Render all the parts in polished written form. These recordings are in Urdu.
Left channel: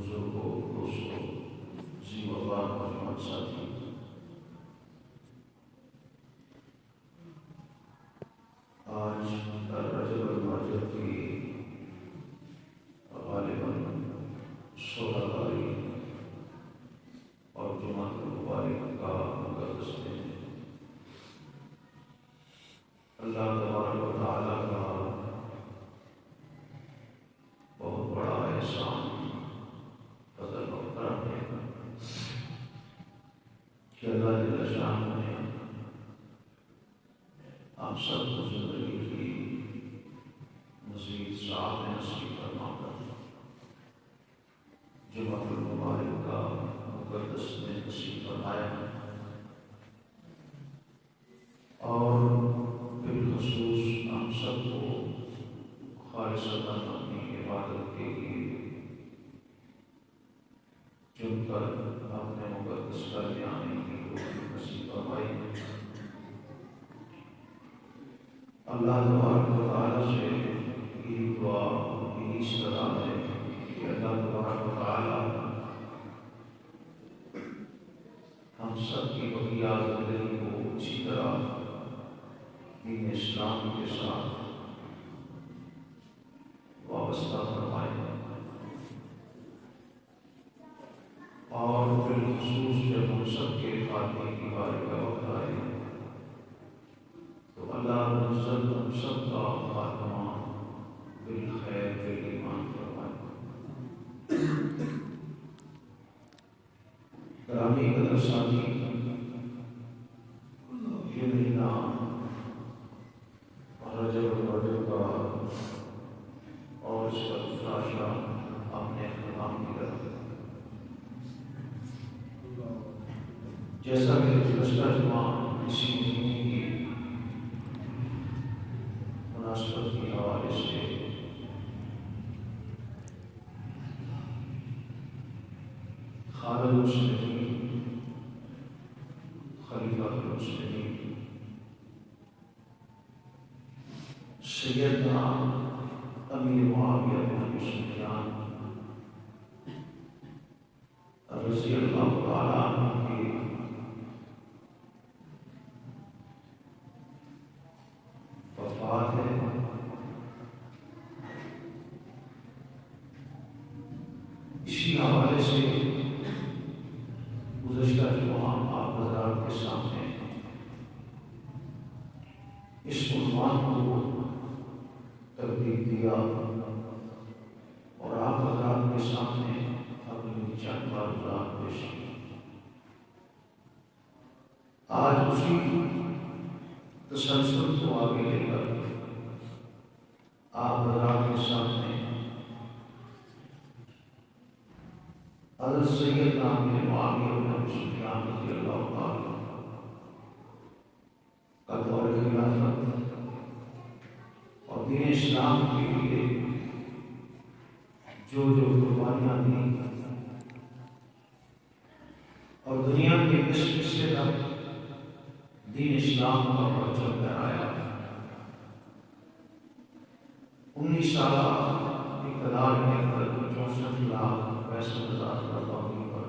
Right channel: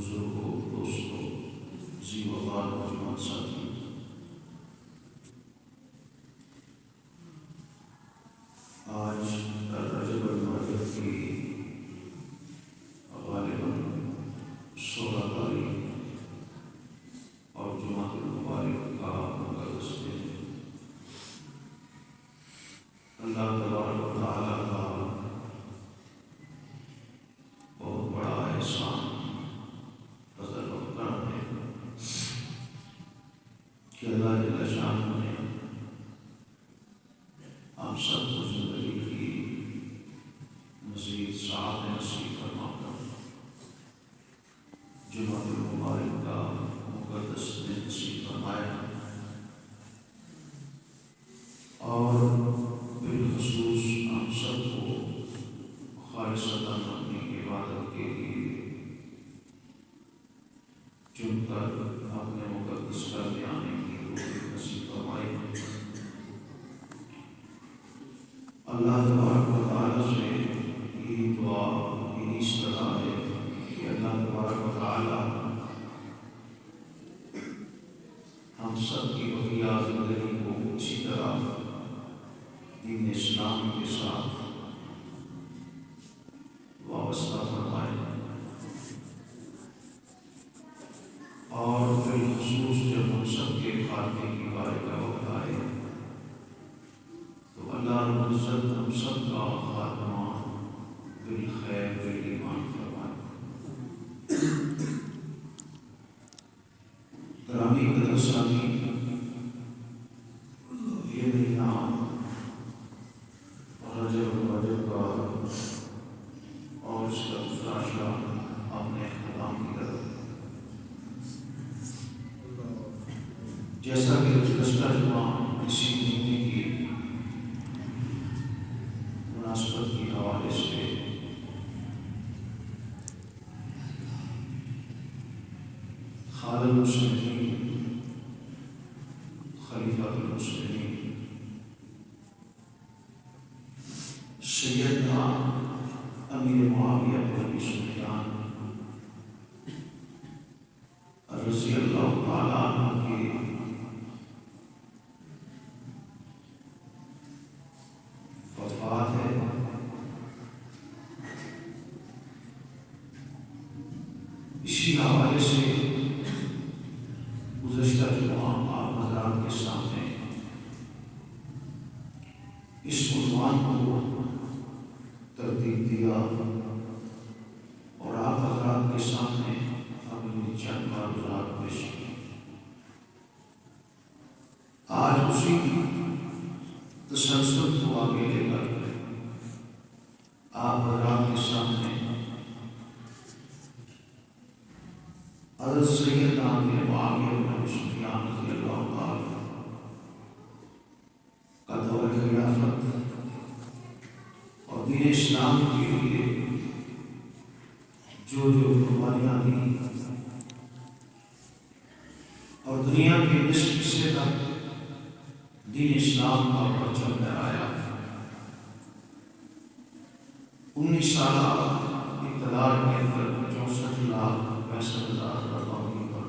بزرگوں، دوستوں، ذی وقار نوجوان ساتھی، آج رجب المرجب کی غالباً 16 تاریخ اور جمعہ المبارک کا مقدس دن ہے۔ اللہ تبارک و تعالیٰ کا بہت بڑا احسان، فضل و کرم ہے کہ اللہ جل شانہ نے ہم سب کو زندگی کی مزید سعادت نصیب فرما کر جمعہ المبارک کا مقدس دن نصیب فرمایا، اور بالخصوص ہم سب کو خالصتاً اپنی عبادت کے لیے چن کر اپنے مقدس گھر میں آنے کی توفیق نصیب فرمائی۔ اللہ تبارک و تعالیٰ سے یہی دعا، یہی استدعا ہے کہ اللہ تبارک و تعالیٰ ہم سب کی بقیہ زندگی کو اسی طرح دین اسلام کے ساتھ وابستہ فرمائے، اور بالخصوص جب ہم سب کے خاتمے کی باری کا وقت آئے تو اللہ رب العزت ہم سب کا خاتمہ بالخیر بالایمان فرمائے۔ گرامی قدر سامعین، یہ مہینہ رجب المرجب کا اور اس کا دوسرا شاہ اپنے اختتام کی طرف، جیسا کہ گزشتہ جمعہ اسی مہینے کی مناسبت کے حوالے سے خالد المسلمین، خلیفۃ المسلمین سیدنا امیر معاویہ بن ابی سفیان رضی اللہ تعالیٰ عنہ کی وفات ہے۔ اسی حوالے سے گزشتہ جمعہ آپ حضرات کے سامنے اس عنوان کو ترتیب دیا اور آپ حضرات کے سامنے اپنی چند معلومات پیش کی۔ آج اسی تسلسل کو آگے لے کر آپ حضرات کے سامنے حضرت سیدنا امیر معاویہ بن ابی سفیان رضی اللہ تعالیٰ کا دور خلافت اور دین اسلام کے لیے جو قربانیاں دیں اور دنیا کے نصف حصے تک دین اسلام کا پرچم لہرایا، 19 سالہ اقتدار کے اندر 64,65,000 برطانوی پر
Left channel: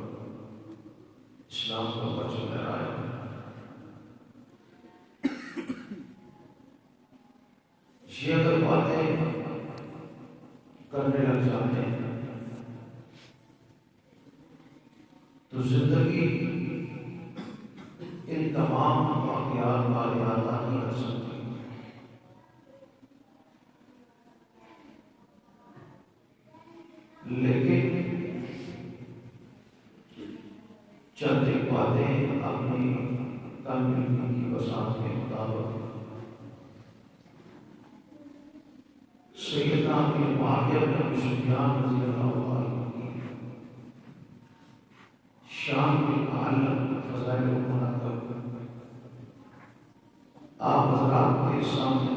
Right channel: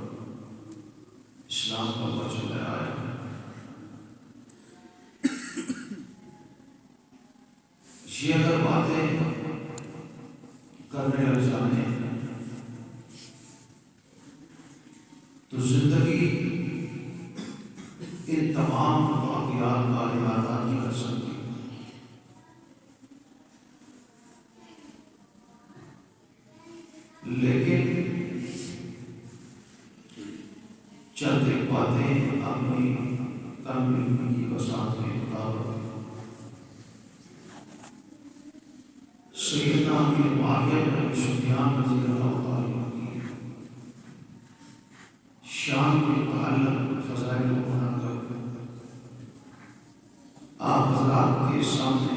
اسلام کا پرچم لہرایا۔ یہ اگر باتیں کرنے لگ جائیں تو زندگی ان تمام واقعات کا احاطہ نہیں کر سکتی، لیکن چند ایک باتیں اپنی تنقید کی وسعت کے مطابق سیدنا امیر معاویہ بن ابی سفیان رضی اللہ تعالیٰ کی شان کے متعلق فضائل کو منعقد آپ حضرات کے سامنے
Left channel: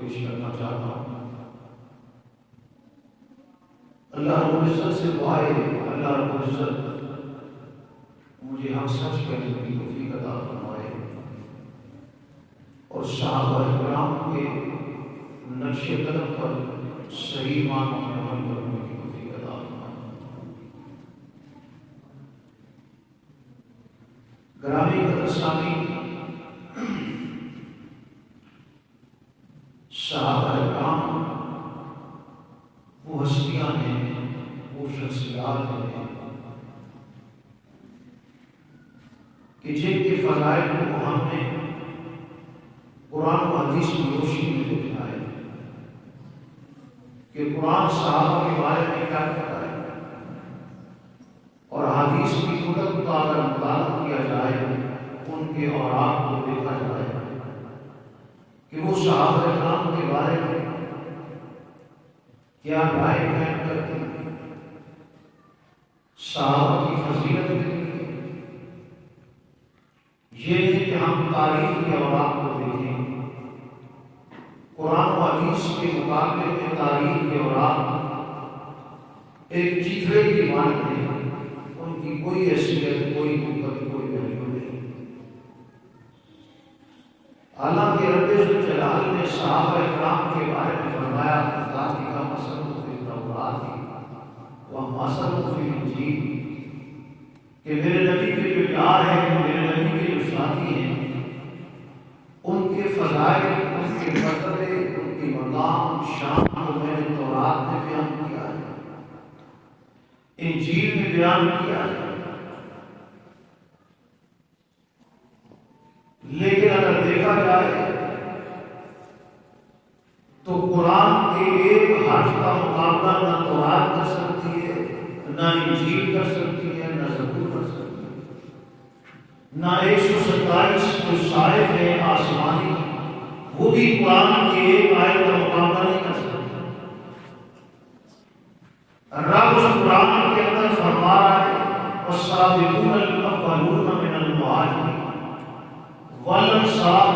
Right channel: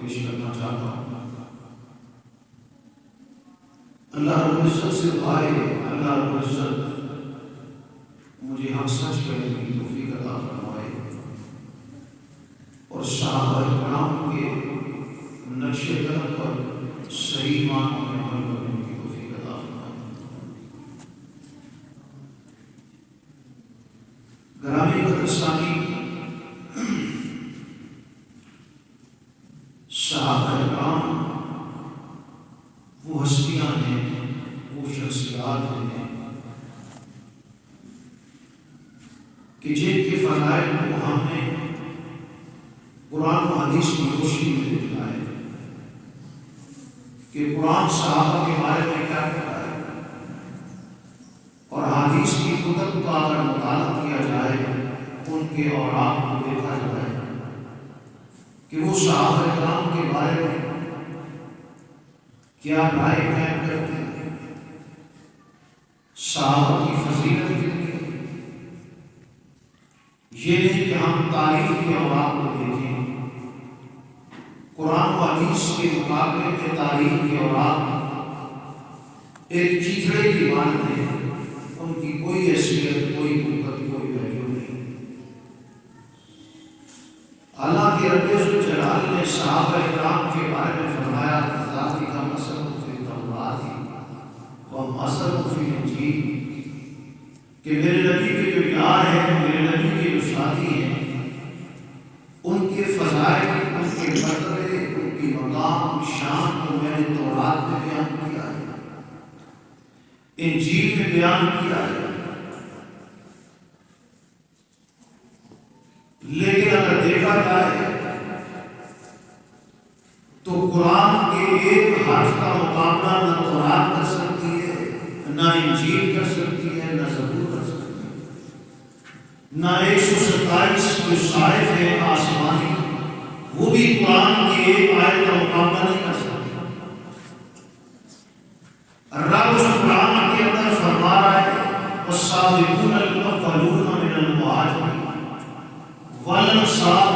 پیش کرنا چاہتا ہوں۔ اللہ رب العزت سے دعا ہے، اللہ رب العزت مجھے حق سچ کہنے کی توفیق عطا فرمائے اور صحابہ کرام کے نقش قدم پر صحیح معنوں میں عمل کرنے کی توفیق عطا فرمائے۔ ثانی، صحابہ کرام وہ ہستیاں ہیں، وہ شخصیات ہیں کہ جن کے فضائل کو ہم نے قرآن و حدیث کی روشنی میں دیکھا ہے کہ قرآن صحابہ کے بارے میں کیا کہتا ہے، اور حدیث کی کتب کا اگر مطالعہ کیا جائے، ان کے اوراق کو دیکھا جائے کہ وہ صحابہ کرام کے بارے میں کیا رائے قائم کرتے ہیں، صحابہ کی فضیلت کتنی ہے۔ یہ نہیں کہ ہم تاریخ کے اوراق کو دیکھیں، قرآن و حدیث کے مقابلے میں تاریخ کے اوراق ایک چیتڑے کی مانند ہے، ان کی کوئی حیثیت، کوئی قوت، کوئی ویلیو نہیں۔ حالانکہ رب ذوالجلال نے صحابہ کرام کے بارے میں فرمایا ذالک مثلهم فی التوراۃ ومثلهم فی الانجیل، کہ میرے نبی کے جو یار ہیں، میرے نبی کے جو ساتھی ہیں، ان کے فضائل، ان کے مرتبے، ان کی مقام شان کو میں نے تورات میں بیان کیا ہے، انجیل میں بیان کیا ہے۔ لیکن اگر دیکھا جائے تو قرآن کے ایک حرف کا مقابلہ نہ تورات کر سکتی ہے، نہ انجیل کر سکتی ہے، نہ زبور کر سکتی ہے، نہ 127 جو صائف ہے آسمانی وہ بھی قرآن کی ایک آیت کا مقابلہ نہیں کر سکتی۔ رب اس قرآن کے اندر فرما رہا ہے والسابقون الاولون من المہاجرین والانصار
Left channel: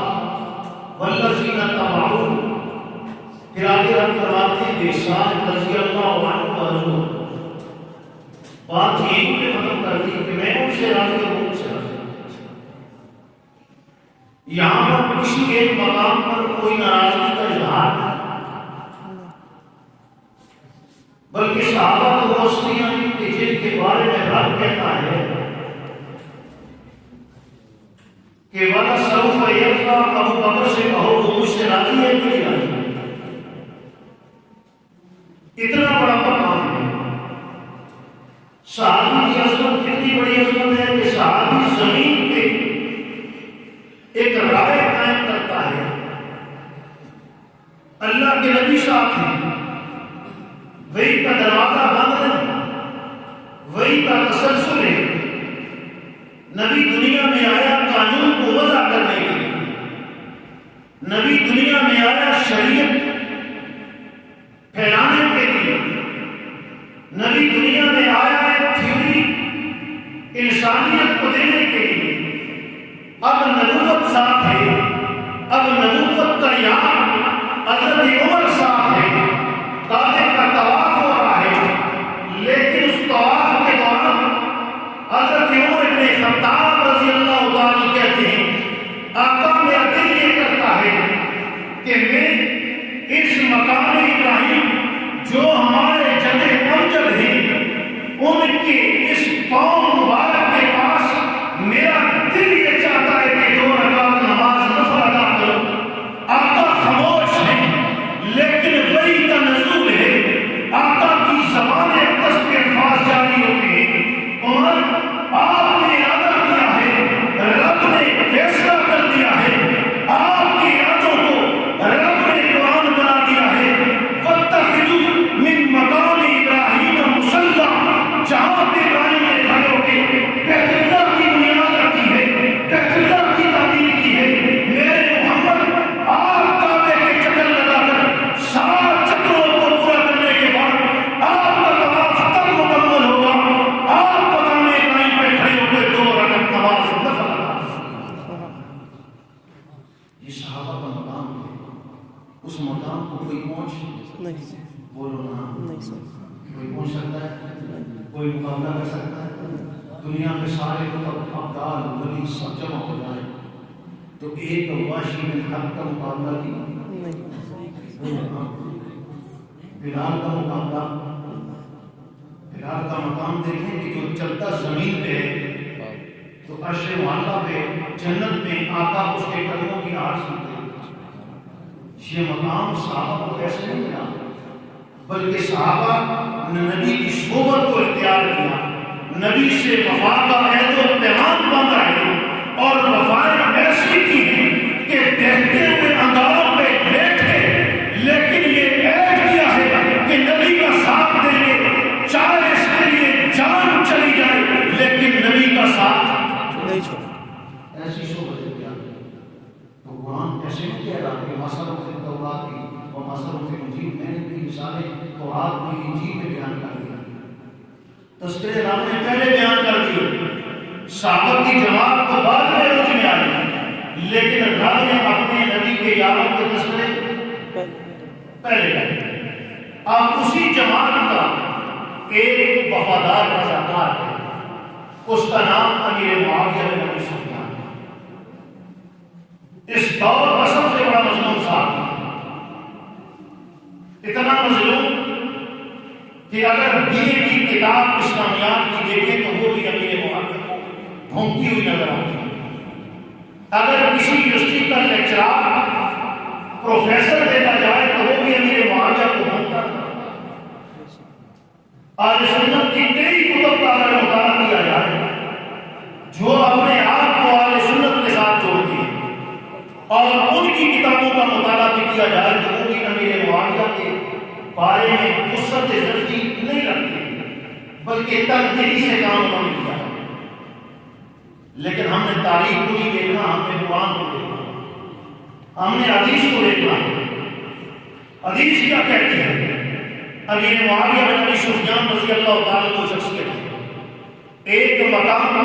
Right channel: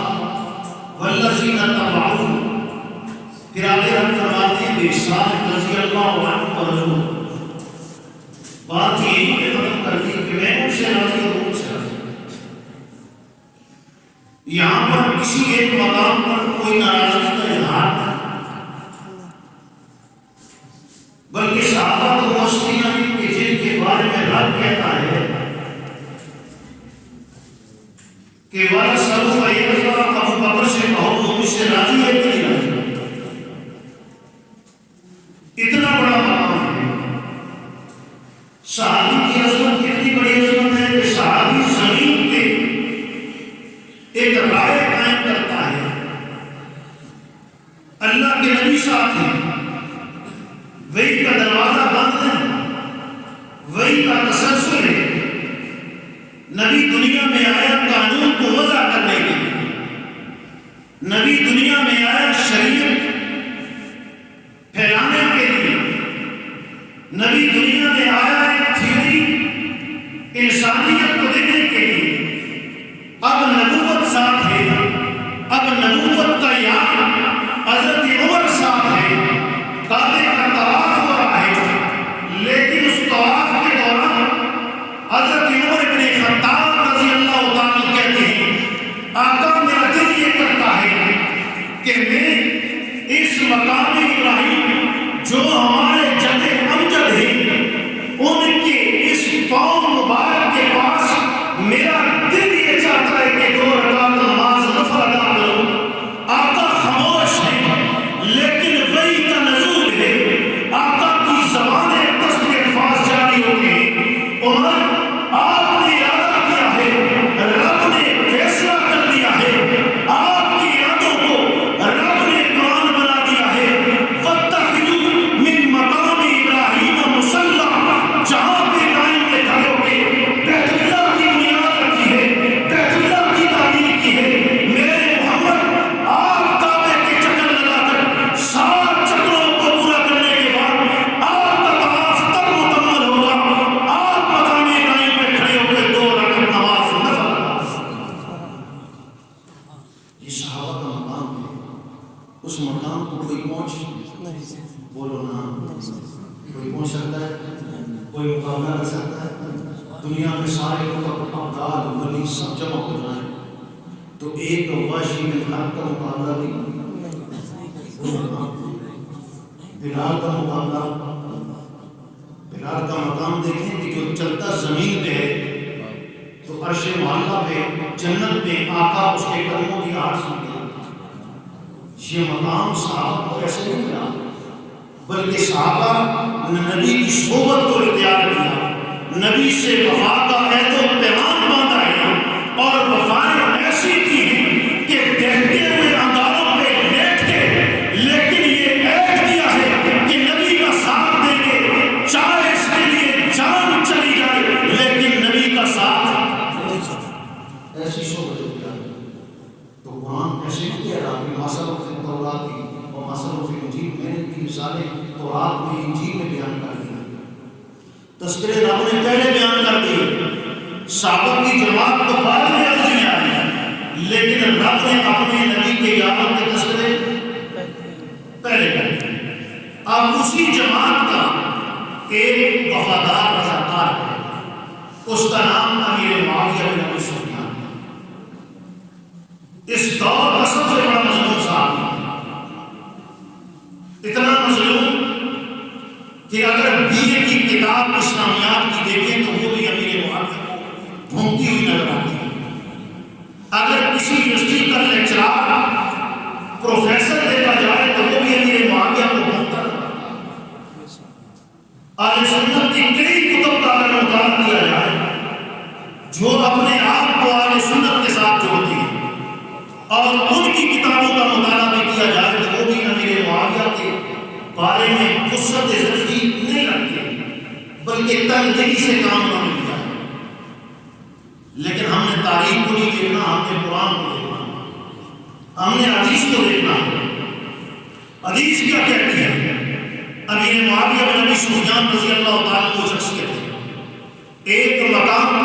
والذین اتبعوہم، پھر آگے ہم فرماتے ہیں بإحسان رضی اللہ عنہ ورضوا، بات یہی پہ ختم کر دی کہ میں ان سے راضی ہوں، ان سے راضی ہوں۔ یہاں پر کسی ایک مقام پر کوئی ناراضگی کا اظہار نہیں، بلکہ صحابہ کو وہ ہستیاں ہیں کہ جن کے بارے میں رب کہتا ہے کہ وَلَسَوْفَ يَرْضَىٰ، ابو بکر سے کہو وہ مجھ سے راضی ہے کہ نہیں راضی؟ اتنا بڑا مقام ہے۔ صحابی کی عظمت اتنی بڑی عظمت ہے کہ صحابی زمین پہ ایک رائے قائم کرتا ہے، اللہ کے نبی ساتھ ہیں، وہی کا دروازہ بند ہے، وہی کا تسلسل ہے، نبی دنیا میں آیا قانون کو وضع کرنے کے لیے، نبی دنیا میں آیا شریعت پھیلانے کے لیے، نبی دنیا میں آیا ایک تھیوری انسانیت کو دینے کے لیے۔ اب نبوت ساتھ ہے، اب نبوت کا یار حضرت عمر ساتھ ہے، کعبے کا طواف ہو رہا ہے، لیکن اس طواف کے دوران حضرت عمر بن خطاب رضی اللہ تعالیٰ کہتے ہیں آقا میرا دل یہ کرتا ہے کہ میں اس مقام ابراہیم جو ہمارے جد امجد ہیں ان کے اس قوم مبارک کے پاس میرا دل یہ چاہتا ہے کہ 2 رکعت نماز نفل ادا کروں۔ آقا خاموش ہیں لیکن وہی کا نزول ہے، آقا کی زبان دست الفاظ جاری ہوتے ہیں۔ عمر آپ نے ارادہ کیا ہے، رب نے فیصلہ کر دیا ہے، آپ کی ارادوں کو رب نے قرآن بنا دیا ہے۔ وَاتَّخِذُوا مِن مَّقَامِ إِبْرَاهِيمَ مُصَلًّى، جہاں پہ ابراہیم نے کھڑے ہو کے بیت اللہ کی بنیاد رکھی ہے، بیت اللہ کی تعمیر کی ہے، میرے محمد آپ کعبے کے چکر لگا کر 7 چکروں کو پورا کرنے کے بعد آپ کا طواف تب مکمل ہوگا، آپ مقام ابراہیم پہ کھڑے ہو کے 2 رکعت نماز نفل ادا کریں۔ یہ صحابہ کا مقام ہے، اس مقام کو کوئی پہنچ نہیں، بولو نا، کوئی پہنچ سکتا ہے، کوئی مقابلہ کر سکتا ہے؟ دنیا میں سارے لوگ ابدال ولی سب جمع ہو جائیں تو ایک واشی بن حق کا مقابلہ بھی بلال کا مقابلہ، بلال کا مقام دیکھیں کہ جو چلتا زمین پہ ہے تو عرش معلیٰ پہ جنت میں آقا اس کے قدموں کی آہٹ سنتے ہیں۔ یہ مقام صحابہ کو ایسے نہیں ملا، بلکہ صحابہ نے نبی کی صحبت کو اختیار کیا، نبی سے وفا کا عہد و پیمان باندھا ہے، اور وفائیں ایسی کی ہیں کہ دیکھتے ہوئے انگاروں پہ بیٹھ کے، لیکن یہ عہد کیا ہے کہ نبی کا ساتھ دیں گے، چاہے اس کے لیے جان چلی جائے لیکن نبی کا ساتھ نہیں چھوڑنا۔ ایسی صحبت اختیار کی۔ تو قرآن ایسے نہیں کہہ رہا کہ مثل فی التوراۃ و مثل فی الانجیل، میں نے بھی مثالیں تورات میں انجیل میں بیان کر دی، تذکرے رب نے پہلے بیان کر دیے، صحابہ کی جماعت تو بعد میں عرض میں آئی، لیکن رب نے اپنے نبی کے یاروں کے تذکرے پہلے کر دیے۔ اب اسی جماعت کا ایک وفادار رضاکار ہے، اس کا نام امیر معاویہ بن ابی سفیان ہے۔ اس دور کا سب سے بڑا مظلوم صاحب، اتنا مظلوم کہ اگر BA کی کتاب اسلامیات کی دیکھیں تو وہ بھی امیر معاویہ کو بھونکتی ہوئی نظر آتی ہے۔ اگر کسی یونیورسٹی کا لیکچرار پروفیسر دیکھا جائے تو وہ بھی امیر معاویہ کو بھونکتا ہے۔ اہل سنت کی کئی کتب کا اگر مطالعہ کیا جائے جو اپنے آپ کو اہل سنت کے ساتھ جوڑتی ہے، اور ان کی کتابوں کا مطالعہ بھی کیا جائے تو وہ بھی امیر معاویہ کے بارے میں وسعت ظرفی نہیں رکھتے، بلکہ تنقیدی سے کام نہ لیا۔ لیکن ہم نے تاریخ کو نہیں دیکھنا، ہم نے قرآن کو دیکھنا، ہم نے حدیث کو دیکھنا۔ حدیث کیا کہتی ہے؟ امیر معاویہ بن ابی سفیان رضی اللہ تعالیٰ عنہ شخصیت ہے۔ ایک مقام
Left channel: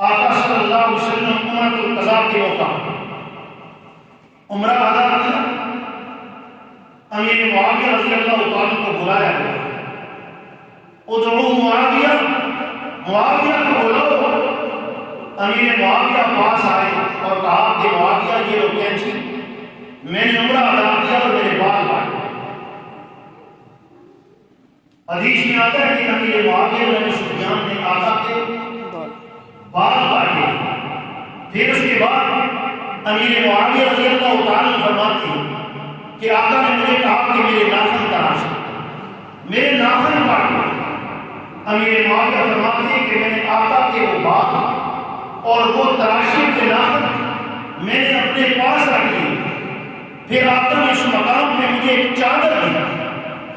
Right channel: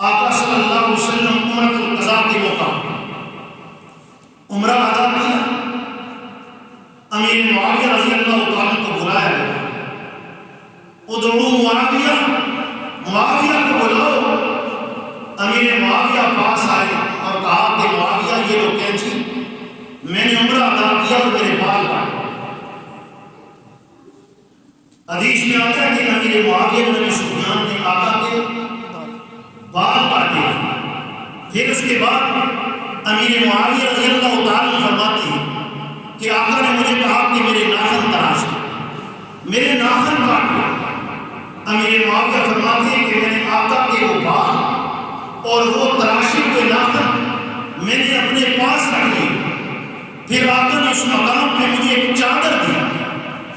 آقا صلی اللہ علیہ وسلم عمرۃ القضاء کے موقع عمرہ ادا کیا، امیر معاویہ رضی اللہ تعالیٰ کو بلایا گیا، ادعو معاویہ، معاویہ کو بلاؤ۔ امیر معاویہ پاس آئے اور کہا کہ معاویہ یہ لو کینچی، میں نے عمرہ ادا کیا اور میرے بال کاٹے۔ حدیث میں آتا ہے کہ امیر معاویہ بن ابی سفیان نے آقا کے بال کاٹے۔ پھر اس کے بعد امیر معاویہ رضی اللہ تعالیٰ فرماتے ہیں کہ آقا نے مجھے کہا کہ میرے ناخن تراش دو، میرے ناخن کاٹو۔ امیر معاویہ فرماتے ہیں کہ میں نے آقا کے وہ بال اور وہ تراشے ہوئے ناخن میں نے اپنے پاس رکھ لیے۔ پھر آقا نے اس مقام پہ مجھے ایک چادر دی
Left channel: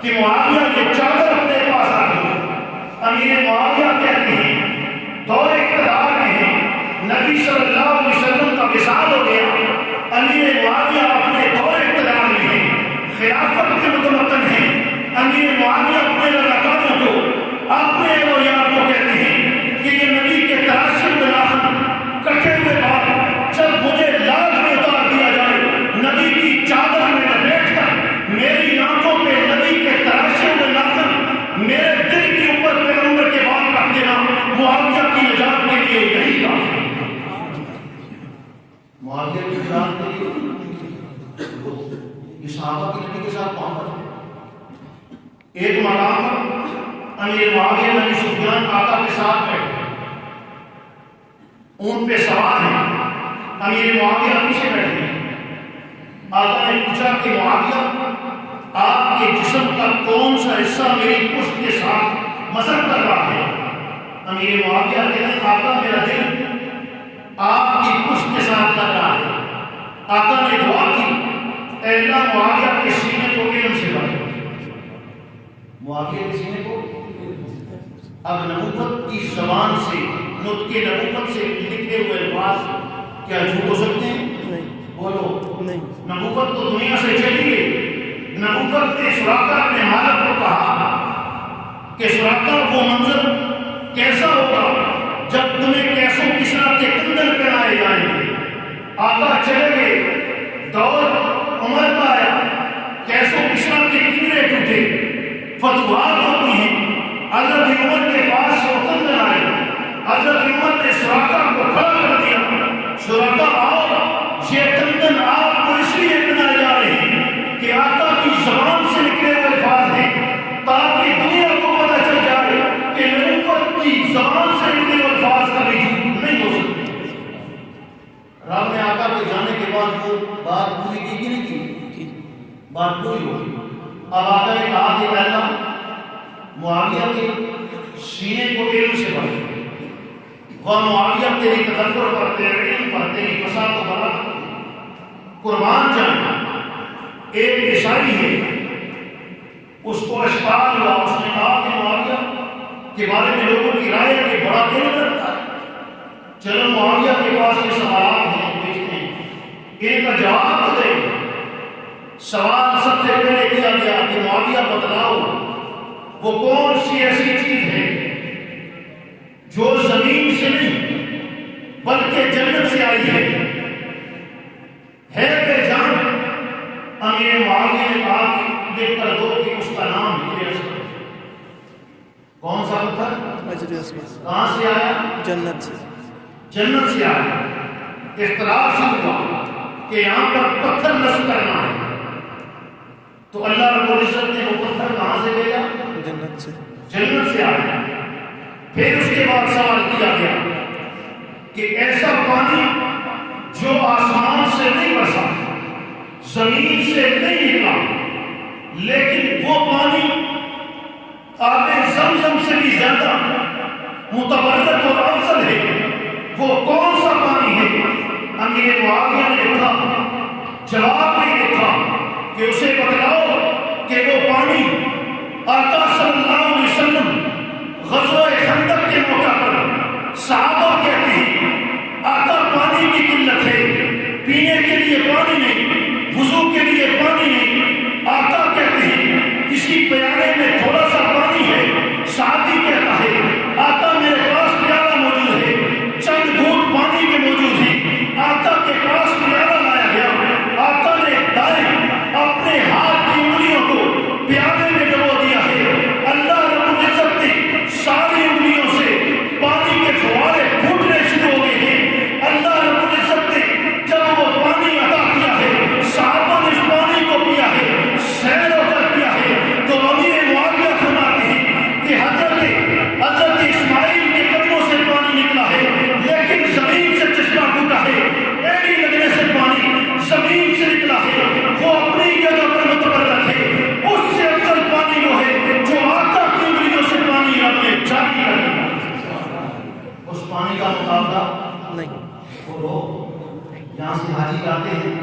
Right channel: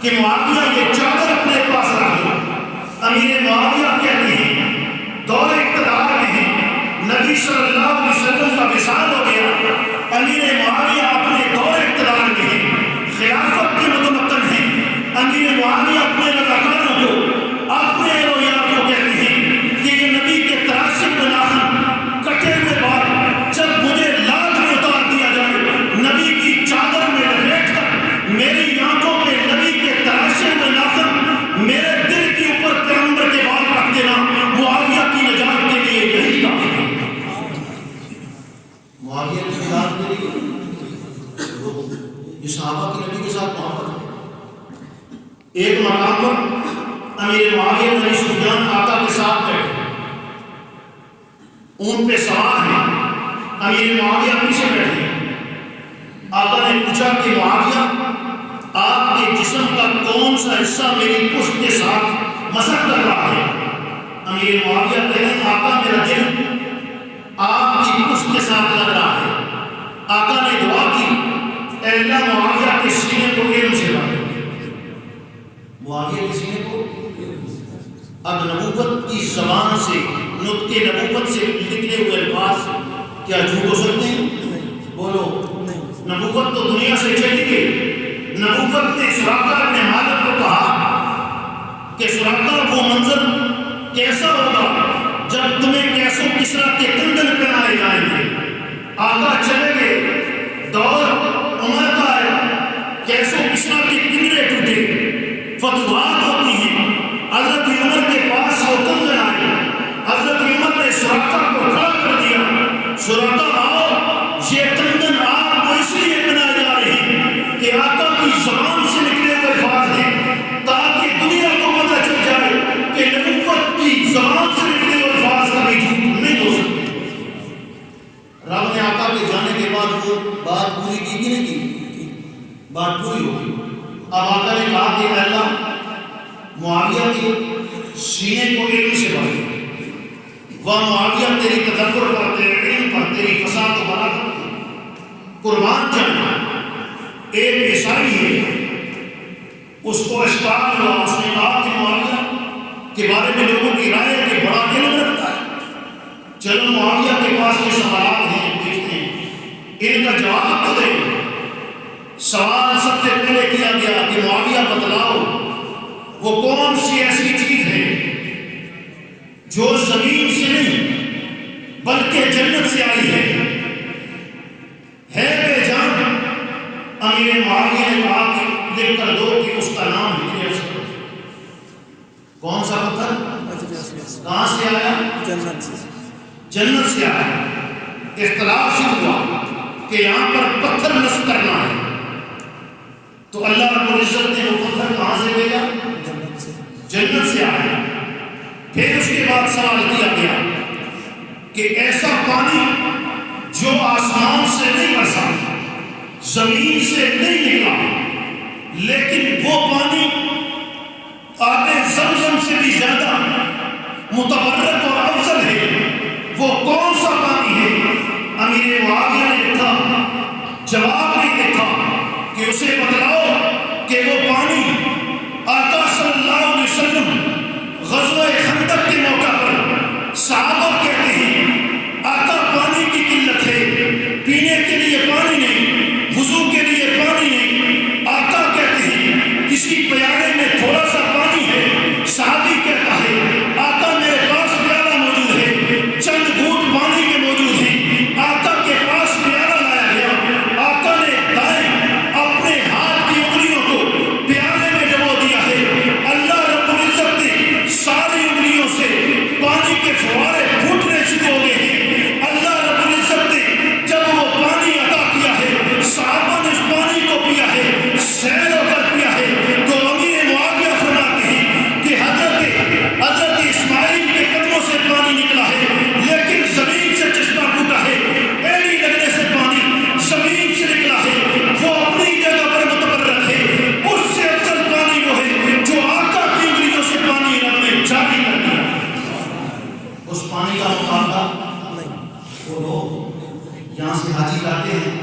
کہ معاویہ یہ چادر اپنے پاس رکھ لو۔ امیر معاویہ کہتے ہیں دور اقتدار میں ہے، نبی صلی اللہ علیہ وسلم کا وصال ہو گیا، امیر معاویہ اپنے دور اقتدار میں ہے، خلافت کے متمکن ہیں۔ امیر معاویہ اپنے لڑکانوں کو، اپنے اولیاء کو کہتے ہیں کہ یہ نبی کے تراشے ہوئے ناخن، کٹے ہوئے بال جب مجھے لاج میں اتار دیا جائے، نبی کی چادر میں لپیٹ کر میری آنکھوں پہ نبی کے تراشے ہوئے ناخن، میرے دل کے اوپر پیغمبر کے بال رکھ دینا معاویہ کی نجات کے لیے یہی کافی ہے۔ معاویہ کی نجات کے لیے یہ صحابہ کی نبی کے ساتھ محبت ہے۔ ایک مقام پر امیر معاویہ بن ابی سفیان آقا کے ساتھ بیٹھے، اونٹ پہ سوار ہیں، امیر معاویہ پیچھے بیٹھے۔ آقا نے پوچھا کہ معاویہ آپ کے جسم کا کون سا حصہ میری پشت کے ساتھ مسح کر رہا ہے؟ امیر معاویہ کہتے ہیں آقا میرا دل آپ کی پشت کے ساتھ لگ رہا ہے۔ آقا نے دعا کی اے اللہ معاویہ کے سینے کو علم سے بھر دے۔ معاویہ کے سینے کو اب نبوت کی زبان سے، نطق نبوت سے نکلے ہوئے الفاظ کیا جھوٹ ہو سکتے ہیں؟ بولو نبوت تو دنیا سے چلی گئی۔ نبوت نے سراقہ اپنے مالک کو کہا کہ سراقہ وہ منظر کیسا ہوگا جب تمہیں کیسوں کسرا کے کندن پہنائے جائیں گے۔ آقا چلے گئے، دور عمر کا آیا، کیسوں کسرا کے کنگرے ٹوٹے، فتوحات ہوتی ہیں۔ حضرت عمر کے پاس وہ کنگن آئے، حضرت عمر نے سراقہ کو کھڑا کر دیا، سراقہ آؤ، یہ کنگن آپ کو اس لیے بنائے جا رہے ہیں کہ آقا کی زبان سے نکلے ہوئے الفاظ ہیں، تاکہ دنیا کو پتہ چل جائے کہ نبوت کی زبان سے نکلے ہوئے الفاظ کبھی جھوٹ نہیں کہا کہ اے اللہ معاویہ کے سینے کو علم سے بھر دے، وہ معاویہ تیری تدبر پر، تیرے علم پر، تیری فساد و برکت پر قربان جانا۔ ایک عیسائی ہے، اس کو اشتعال ہوا، اس نے کہا کہ معاویہ کے بارے میں لوگوں کی رائے ہے کہ بڑا علم رکھتا ہے، چلو معاویہ کے پاس یہ سوالات ہیں، دیکھتے ہیں ان کا جواب تو دیں۔ سوال سب سے پہلے کیا گیا کہ معاویہ بتلاؤ وہ کون سی ایسی چیز ہے جو زمین سے نہیں بلکہ جنت سے آئی ہے بے جان؟ امیر معاویہ نے کہا کہ لکھ کر دو کہ اس کا نام ہجر۔ کون سا پتھر؟ کہاں سے آیا؟ جنت سے۔ جنت سے آیا۔ اختلاف سے ہوا کہ یہاں پر پتھر نصب کرنا ہے، تو اللہ رب العزت نے وہ پتھر کہاں سے بھیجا؟ جنت سے آیا۔ پھر اس کے بعد سوال کیا گیا کہ ایسا پانی جو آسمان سے نہیں برسا، زمین سے نہیں نکلا، لیکن وہ پانی آب زمزم سے بھی زیادہ متبرک اور افضل ہے، وہ کون سا پانی ہے؟ امیر معاویہ نے لکھا، جواب میں لکھا کہ اسے بتلاؤ کہ وہ پانی آقا صلی اللہ علیہ وسلم غزوہ خندق کے موقع پر صحابہ کہتے ہیں آقا پانی کی قلت ہے، پینے کے لیے پانی نہیں، وضو کے لیے پانی نہیں، آقا کہتے ہیں کسی پیالے میں تھوڑا سا پانی ہے، صحابی کہتا ہے آقا میرے پاس پیالہ موجود ہے، چند گھونٹ پانی کے موجود ہیں، آقا کے پاس پیالہ لایا گیا، آقا نے دائیں اپنے ہاتھ کی انگلیوں کو پیالے میں ڈبو دیا ہے، اللہ رب العزت نے ساری انگلیوں سے پانی کے فوارے پھوٹنے شروع ہو گئے ہیں۔ اللہ رب العزت نے جب وہ پانی عطا کیا ہے، صحابہ نے اس پانی کو پیا ہے، سیر ہو کر پیا ہے، تو امیر معاویہ فرماتے ہیں کہ حضرت اسماعیل کے قدموں سے پانی نکلا ہے، لیکن زمین سے چشمہ پھوٹا ہے، ایڑی لگنے سے پانی زمین سے نکلا ہے، وہ اپنی جگہ پر متبرک ہے، اس سے افضل پانی وہ ہے جو آقا کی انگلیوں سے پانی رب نے جاری کر دیا۔ اس پانی کا مقابلہ وہ لوگ یہاں سے حاجی جاتے ہیں،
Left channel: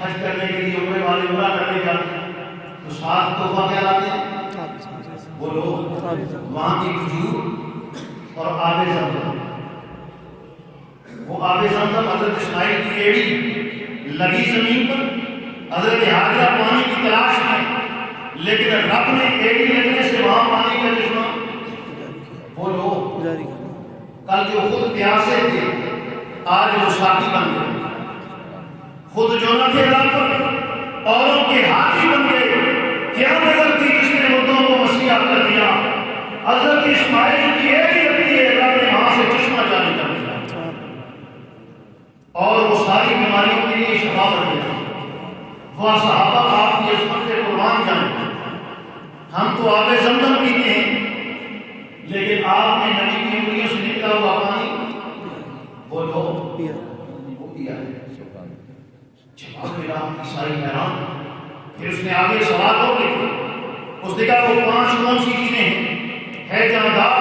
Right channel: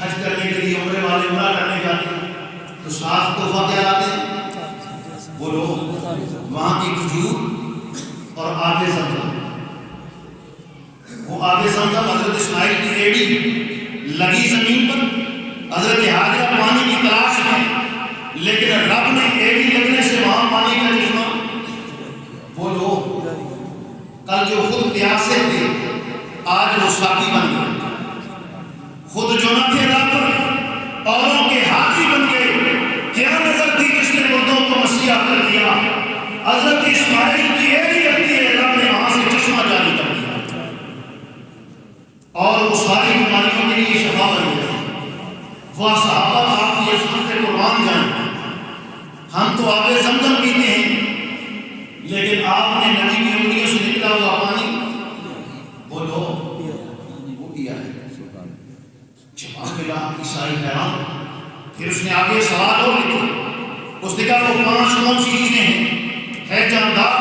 حج کرنے کے لیے عمرے والے عمرہ کرنے جاتے ہیں، تو ساتھ تحفہ کیا لاتے ہیں؟ وہ لوگ وہاں کی کھجور اور آب زمزم۔ وہ آب زمزم حضرت اسماعیل کی ایڑی لگی زمین پر، حضرت حاجرہ پانی کی تلاش میں، لیکن رب نے ایڑی لگنے سے وہاں پانی کا چشمہ۔ وہ لوگ کل جو خود پیاسے تھے آج وہ ساقی بن گئے، خود جو نہ تھے رب اوروں کے ہاتھی بن گئے۔ کیا نظر تھی جس نے مردوں کو مسیح کر دیا؟ حضرت اسماعیل کی ایڑی لگتی ہے، رب نے وہاں سے چشمہ جاری کر دیا اور وہ ساری بیماریوں کے لیے شفا بن گیا۔ وہ صحابہ آپ کی عظمت سے قربان جائیں، ہم تو آب زمزم پیتے ہیں، لیکن آپ نے نبی کی انگلیوں سے نکلا ہوا پانی وہ لو وہ پیا ہے۔ جواب ملا، عیسائی حیران۔ پھر اس نے آگے سوال اور لکھے، اس نے کہا وہ 5 کون سی چیزیں ہیں، ہے جاندار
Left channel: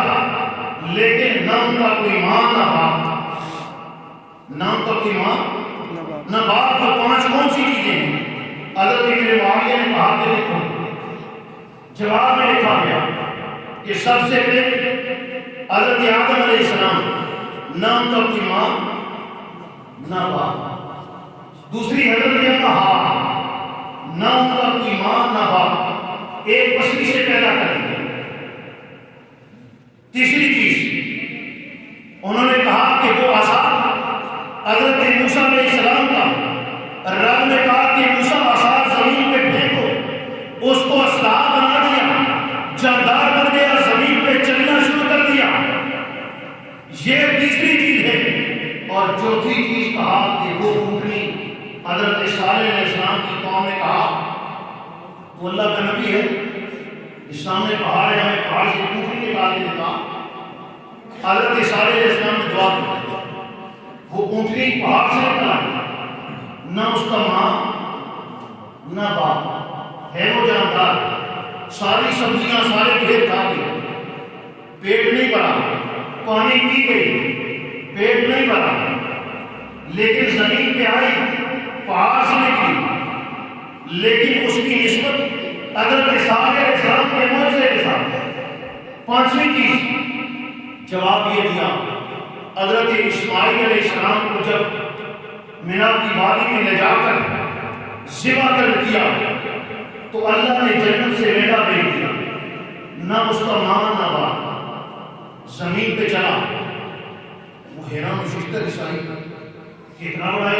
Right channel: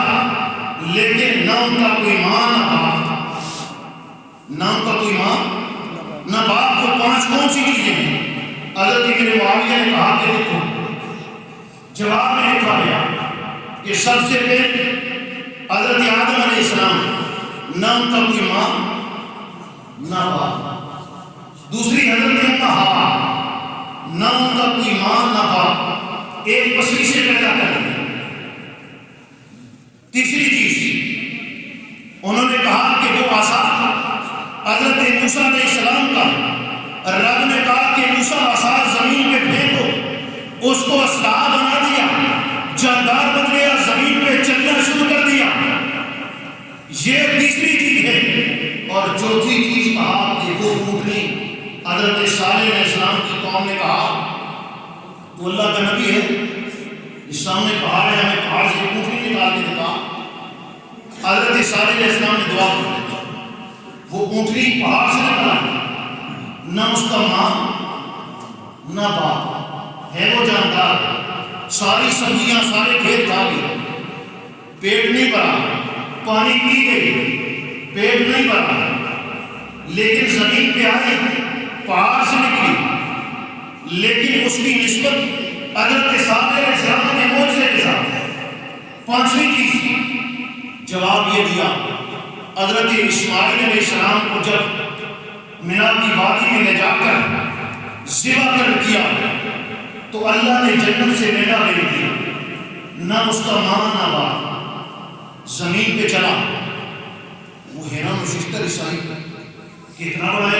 لیکن نہ ان کا کوئی ماں نہ باپ، نہ ان کا کوئی ماں نہ باپ، وہ 5 کون سی چیزیں ہیں؟ حضرت امیر معاویہ نے کہا کہ دیکھو، جواب میں لکھا گیا کہ سب سے پہلے حضرت آدم علیہ السلام، نہ ان کا کوئی ماں نہ باپ۔ دوسری حضرت حوا، نہ ان کا کوئی ماں نہ باپ، ایک پسلی سے پیدا کر دیا۔ تیسری چیز انہوں نے کہا کہ وہ عصا حضرت موسیٰ علیہ السلام کا، رب نے کہا کہ موسیٰ عصا زمین پہ پھینکو، اس کو اسلحہ بنا دیا، جاندار بن گیا، زمین پہ چلنا شروع کر دیا۔ یہ تیسری چیز ہے۔ اور چوتھی چیز کہا کہ وہ اونٹنی، حضرت صالح علیہ السلام کی قوم نے کہا وہ اللہ کا نبی ہے، اس سامنے پہاڑ ہے، ہمیں پہاڑ سے اونٹنی نکال کے دکھا۔ حضرت صالح علیہ السلام نے دعا کی، وہ اونٹنی پہاڑ سے نکلا، نہ اس کا ماں نہ باپ ہے، وہ جاندار ساری سبزیاں سارے کھیت کھا گئی، پیٹ نہیں بھرا، پانی پی گئی، پیٹ نہیں بھرا، لیکن زمین پہ آئی، پہاڑ سے نکلی، لیکن اس کی نسبت حضرت صالح علیہ السلام کے معجزے کے ساتھ ہے۔ پانچویں چیز جواب یہ دیا، حضرت اسماعیل علیہ السلام کو جب مینا کی وادی میں لے جا کر ذبح کر دیا تو اللہ نے جنت سے مینا بھیج دیا، نہ اس کا ماں نہ باپ، زمین پہ چلا۔ وہ حیران ششتر عیسائی کتنا بڑا